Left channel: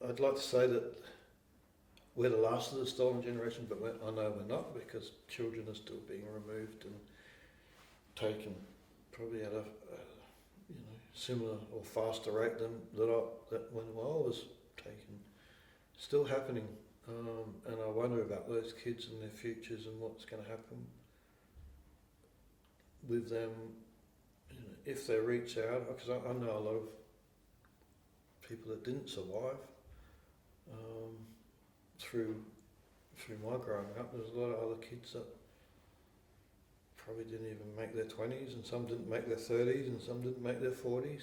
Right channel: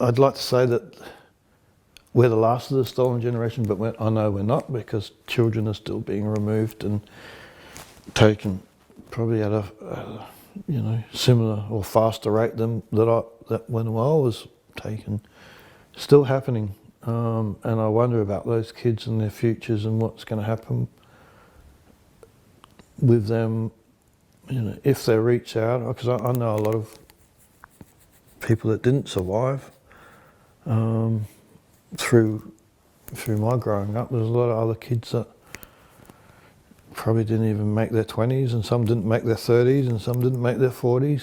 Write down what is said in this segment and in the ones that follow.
I'd like to say that we're the last of the stolen generation, but I know we're not, because children are still being removed and taken probably at a similar or faster rate than that when I was taken. Still happening, and I wonder about those kids and their futures and what's going to happen with them, if they reach out. Because I know a lot of people that didn't survive through my growing up. There's a lot of other kids that probably didn't even make their 20s, and some didn't make their 30s, and some didn't make their 40s.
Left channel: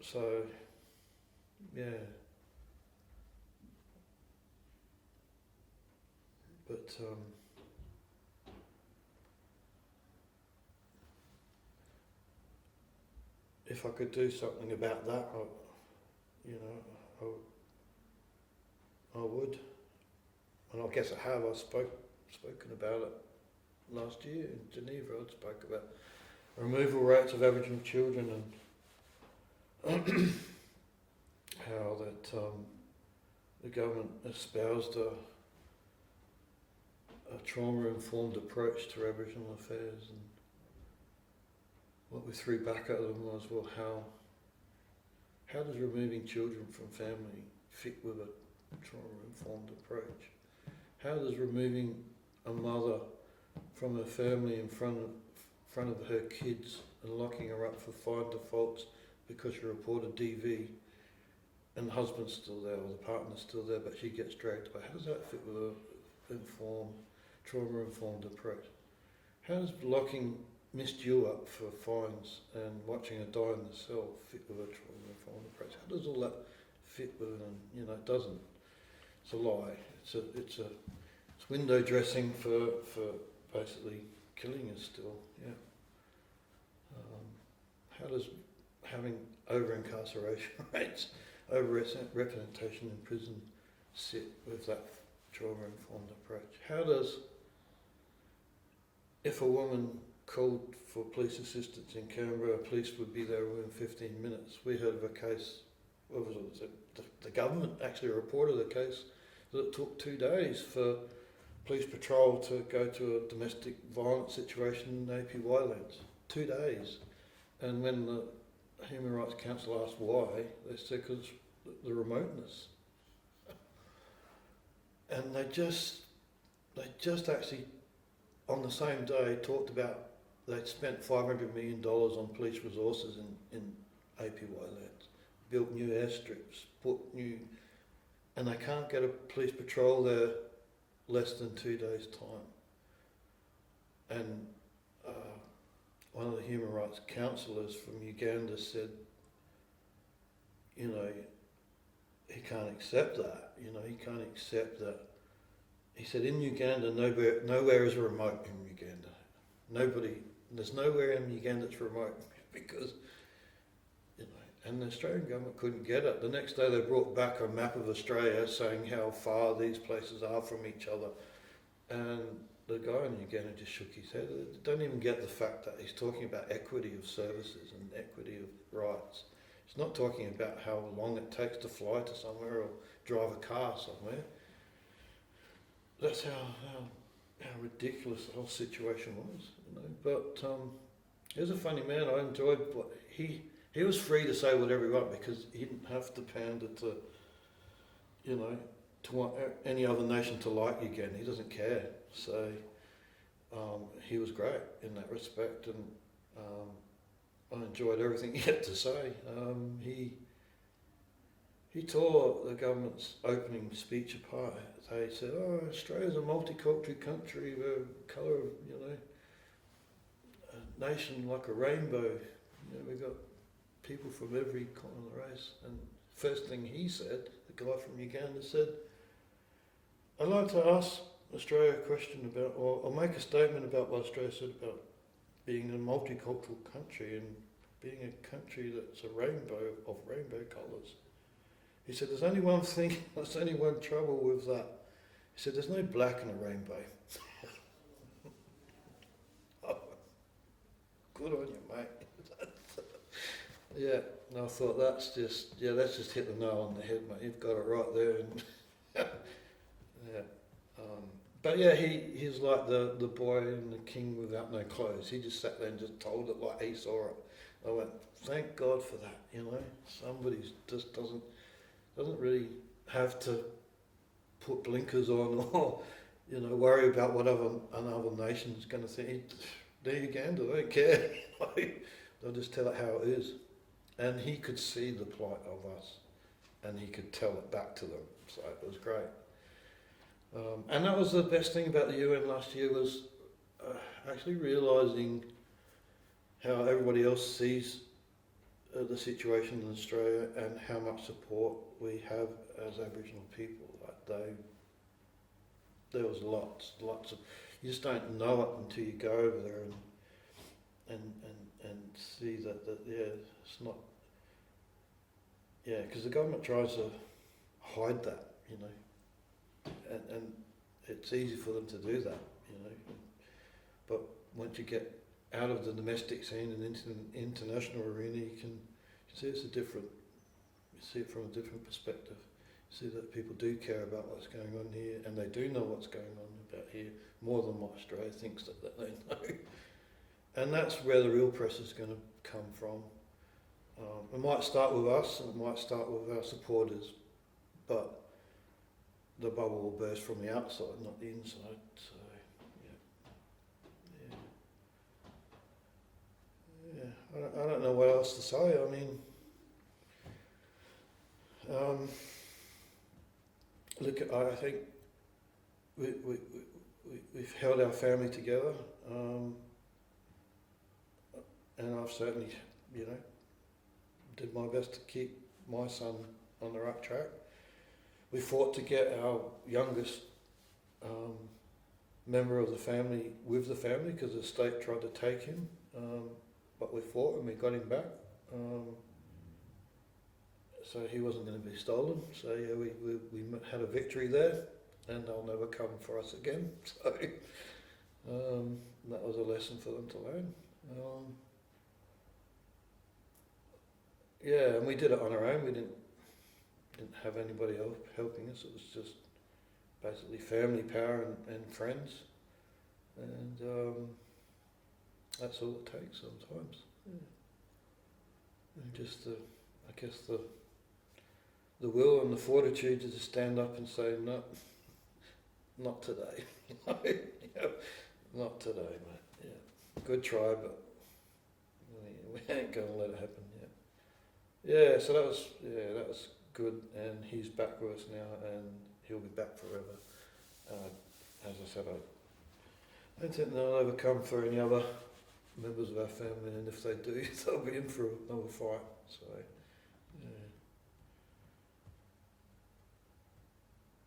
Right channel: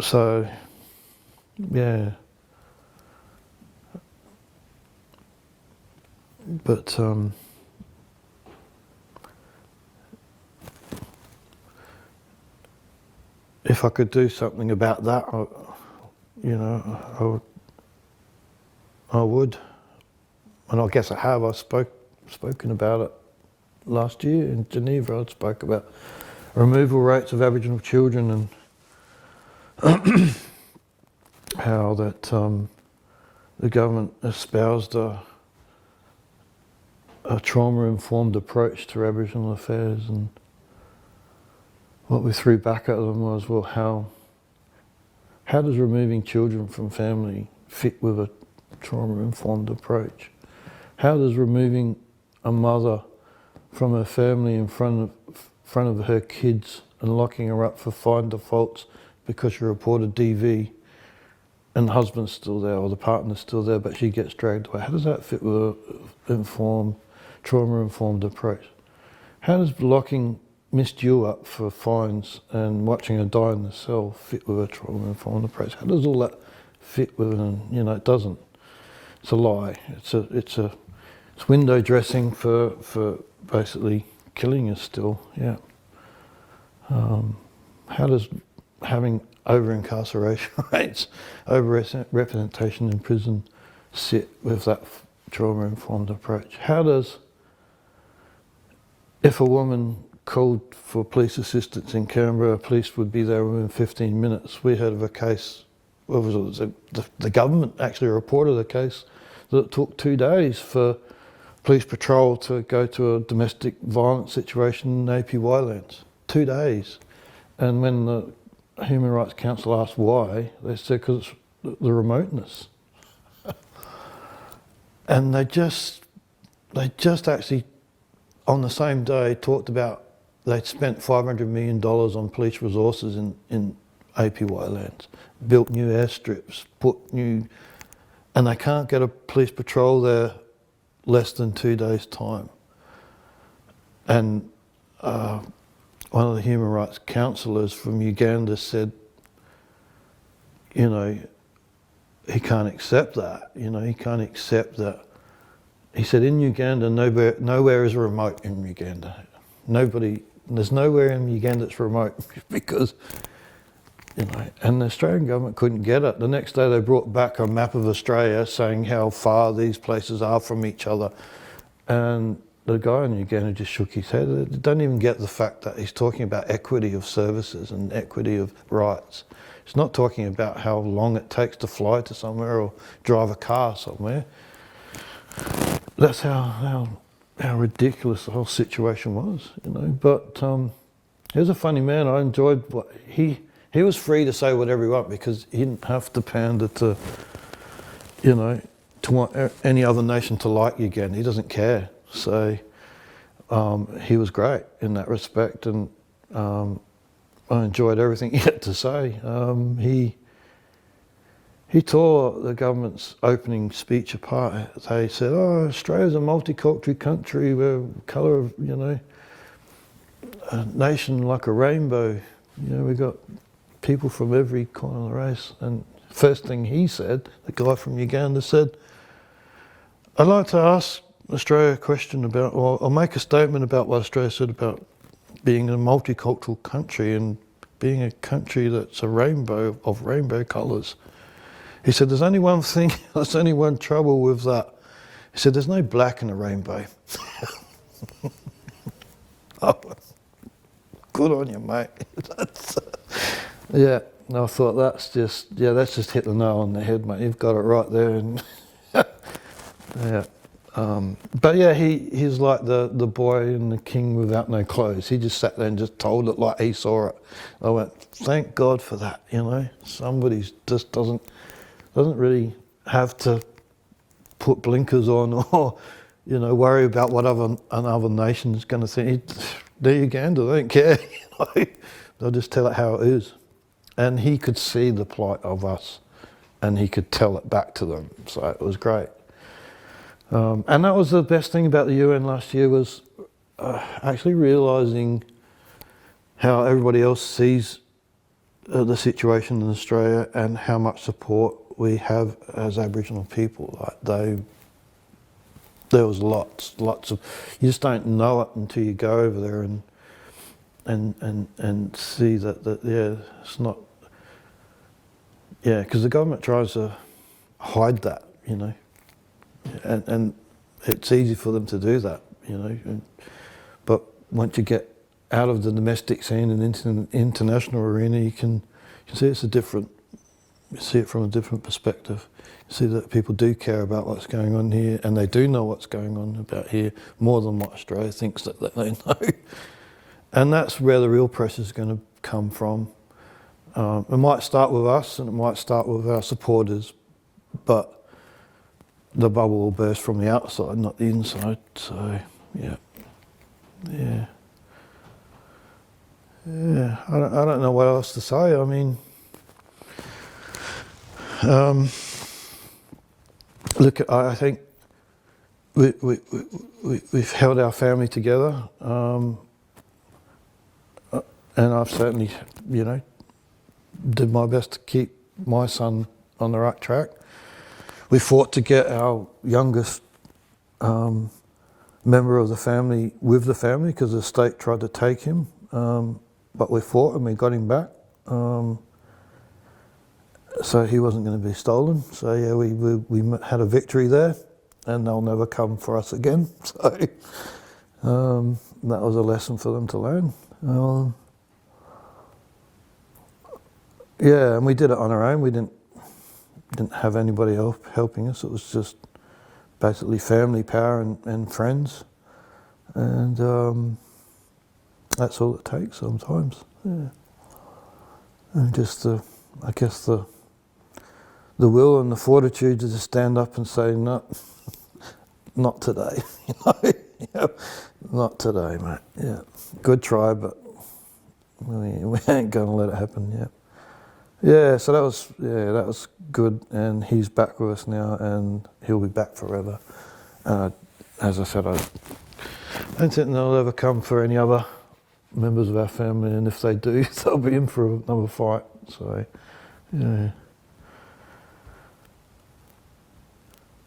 So, yeah. But if I could do something about that, I would. And I guess I have. I've spoken about it last year in Geneva. I spoke about removal rates of Aboriginal children and how that the government espoused a trauma-informed approach to Aboriginal affairs, and what we threw back at them was, well, how does removing children from family fit with a trauma-informed approach? How does removing a mother from her family in front of her kids and locking her up for fine defaults because she reported DV and the husband's still there or the partner's still there, but she gets dragged away? How does that fit with a trauma-informed approach? How does locking Miss Dew up for fines and watching her die in the cell fit with a trauma-informed approach? How does all that fit with it? It doesn't. It's a lie. It's window dressing for basically killing us still. Yeah. How does having over-incarceration rates, over-representation in prison sit with that trauma-informed approach? How does, if a woman called for police assistance in Canberra, police would be there within 15 minutes. We heard of a case, the government actually reported a case that took 2 days for police patrol to go to a domestic violence situation in APY lands. 2 days. And when the Human Rights Council asked why, they said because it's the remoteness. And they just actually, on the same day, talked about they'd spent $500 million on police resources in APY lands, built new airstrips, and they can't get a police patrol there less than 2 days' time. And one of the human rights counsellors from Uganda said, he can't accept that. He can't accept that. He said, in Uganda, nowhere is remote in Uganda. There's nowhere in Uganda that's remote because, and the Australian government couldn't get it. The next day they brought back a map of Australia saying how far these places are from each other. And the guy in Uganda just shook his head. They don't even get the fact that he's talking about equity of services and equity of rights. He's not talking about how long it takes to fly to somewhere or drive a car somewhere. That's how ridiculous the whole situation was, But he was a funny man. I enjoyed what he was free to say whatever he wanted because he didn't have to pander to, to want any other nation to like Uganda. He doesn't care. So he was great in that respect, and I enjoyed everything he had to say. He tore the government's opening speech apart. They said, Australia's a multicultural country, we're colour of, a nation like a rainbow. We've got people from every corner of the race. And first thing he said, the guy from Uganda said, I'd like to ask Australia a question about, or I'll make a statement about what Australia said about being a multicultural country and being a country that's a rainbow of rainbow colours. He said, there's only one thing, there's only one trouble with that. He said, there's no black in a rainbow. Oh, good on you, mate. Yeah, And I thought, that's just hit the nail on the head, mate. You've got it right there. And yeah. But yeah, he's like the boy and the king without no clothes. He just sat there and just told it like he saw it. I went, thank God for that, you know. Somebody just doesn't really have to put blinkers on or, you know, worry about what another nation's going to think. They're Uganda, they don't care. You know? They'll just tell it how it is. And he could see the plight of us and he could tell it back to them. So it was great. And that was the best thing about the UN last year, was actually realising how everybody else sees the situation in Australia and how much support we have as Aboriginal people. Like there was lots of, you just don't know it until you go over there and see that yeah, it's not, yeah, because the government tries to hide that, you know, and it's easy for them to do that, you know, but once you get out of the domestic scene and into the international arena, you can see it's you see it from a different perspective. You see that people do care about what's going on here, and they do know what's going on about here more than what Australia thinks that they know. And that's where the real pressure is going to come from. It might start with us and it might start with our supporters, but the bubble will burst from the outside, not the inside. So, yeah. I don't know what else to say. I mean, look, I think we've held our family together, and I've certainly, you know, did my best to keep my son on the right track. We fought to get our youngest member of the family with the family because the state tried to take him, but we fought and we got him back. So he wasn't going to be stolen. So yeah, we had a victory there, and they'll never come for us again. So that was a lesson for them to learn. Yeah, and we did it on our own. We didn't have anybody else helping us. It was just basically family, power, and friends, and that's all it takes sometimes. Yeah, and just I guess the will and the fortitude to just stand up and say, no, not today. You know, not today, mate. Yeah, good try, but we ain't going to let it happen yet. Yeah, so that was good, and he's back with us now, and he'll be back forever. As I said, I don't think they'll ever come for any other members of our family, and if they do, they'll be in for another fight. So, yeah.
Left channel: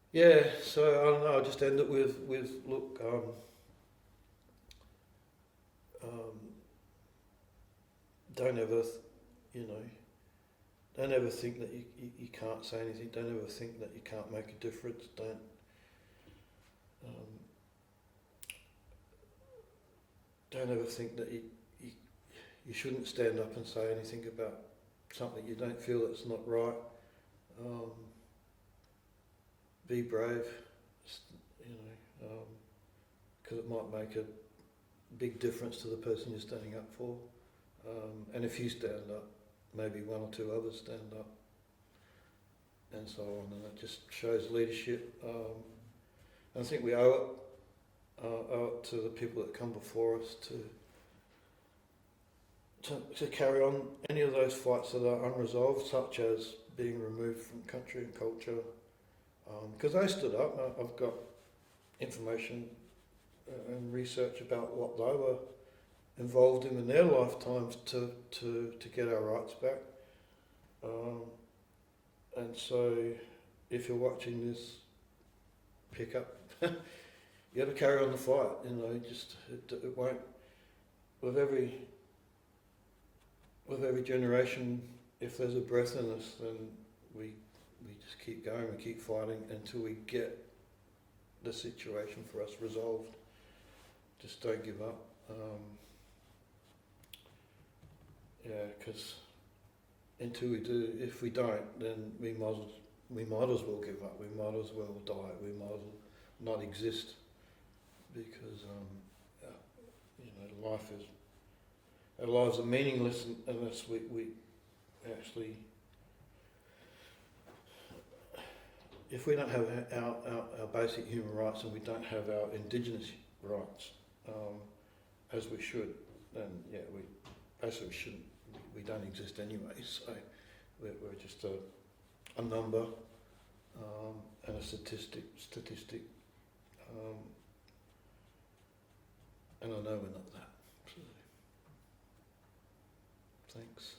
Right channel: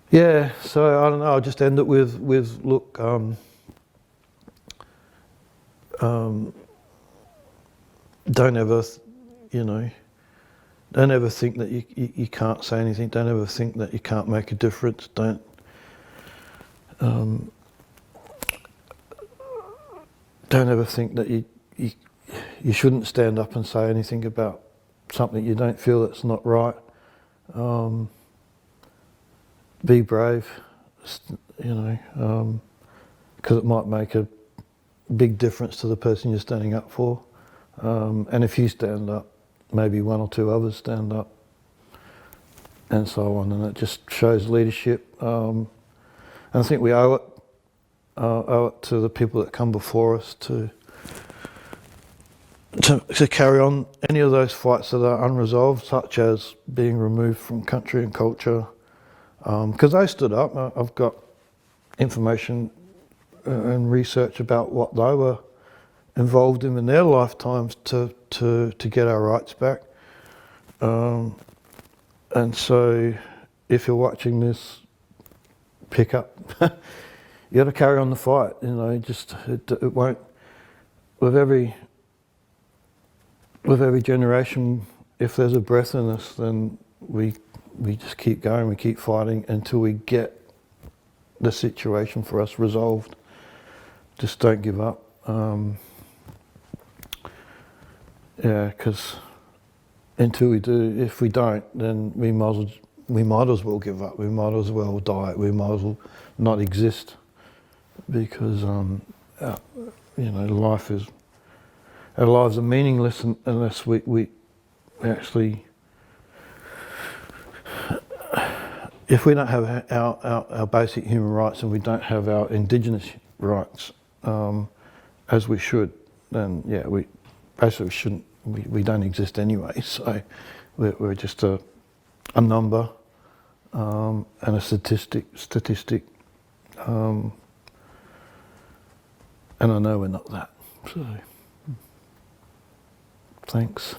Yeah, so I don't know, I'll just end it with look, don't ever, you know, don't ever think that you can't say anything. Don't ever think that you can't make a difference. Don't ever think that you shouldn't stand up and say anything about something you don't feel that's not right. Be brave, you know, because it might make a big difference to the person you're standing up for. And if you stand up, maybe one or two others stand up, and so on. And it just shows leadership. And I think we owe it to the people that come before us to carry on any of those fights that are unresolved, such as being removed from country and culture. Because they stood up. I've got information and research about what they were involved in their lifetimes to get our rights back. And so if you're watching this, pick up. You got to carry on the fight, you know, just it won't, with every generation, if there's a breath in us, then we just keep going, we keep fighting until we get the situation for us resolved. Just don't give up. Yeah, because until we do. If we don't, then we might as well give up. We might as well die. We might as well not exist, because our lives are meaningless unless we actually, if we don't have our basic human rights and we don't have our indigenous rights as we should, then yeah, we basically shouldn't. We don't exist anyway. So we're just a number and a statistic. And I know we're not that. So thanks.